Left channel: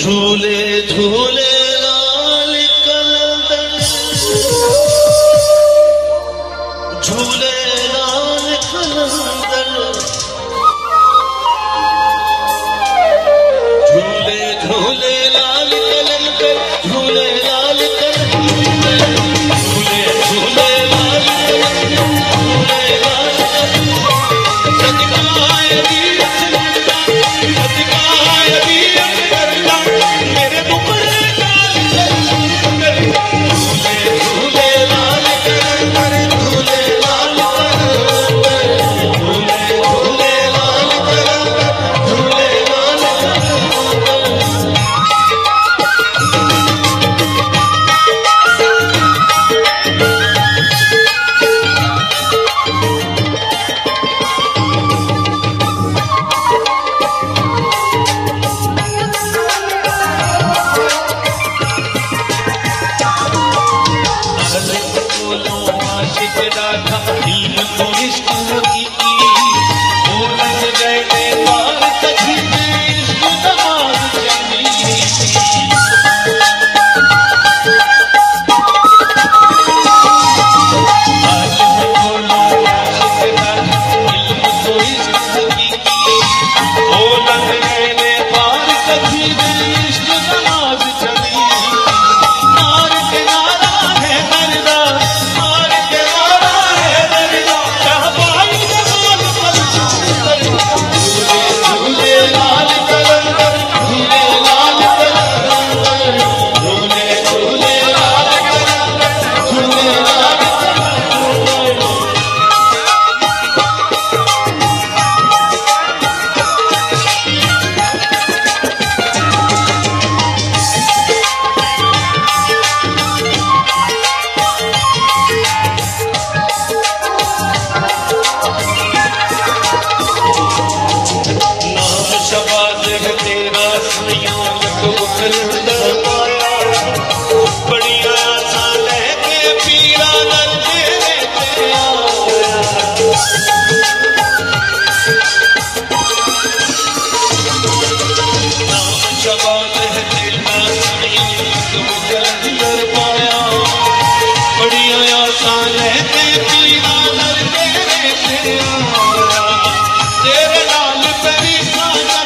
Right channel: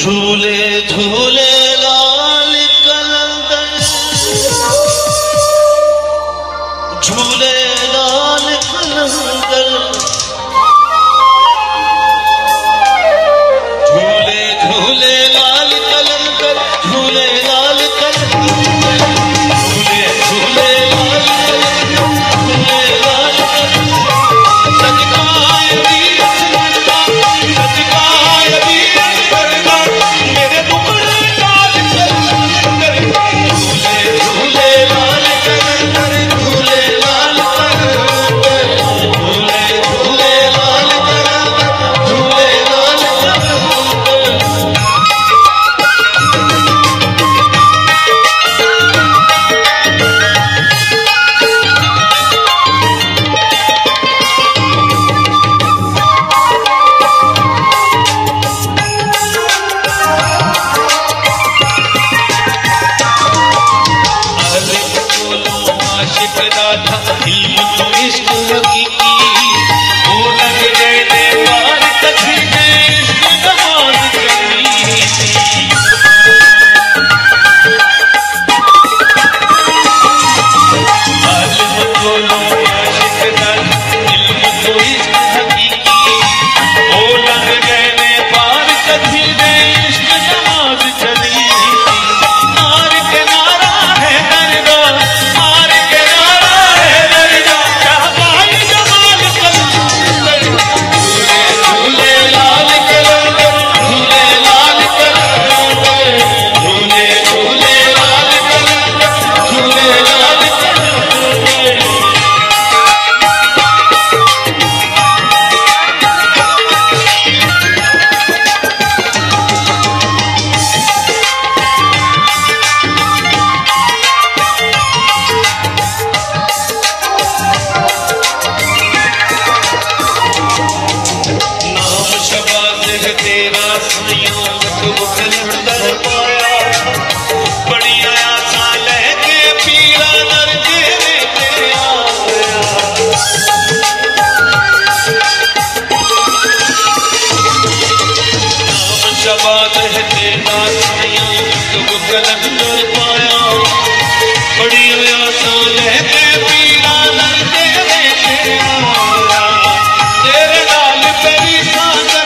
झूले झूले लाल कलंदर, झूले लाल कलंदर, झूले झूले लाल कलंदर, झूले लाल कलंदर, झूले झूले लाल कलंदर, झूले लाल बात है तेरा कलंदर पाया, बड़ी आसान है के पीरा नर तेरे आया, तेरे लाल पेरी सागर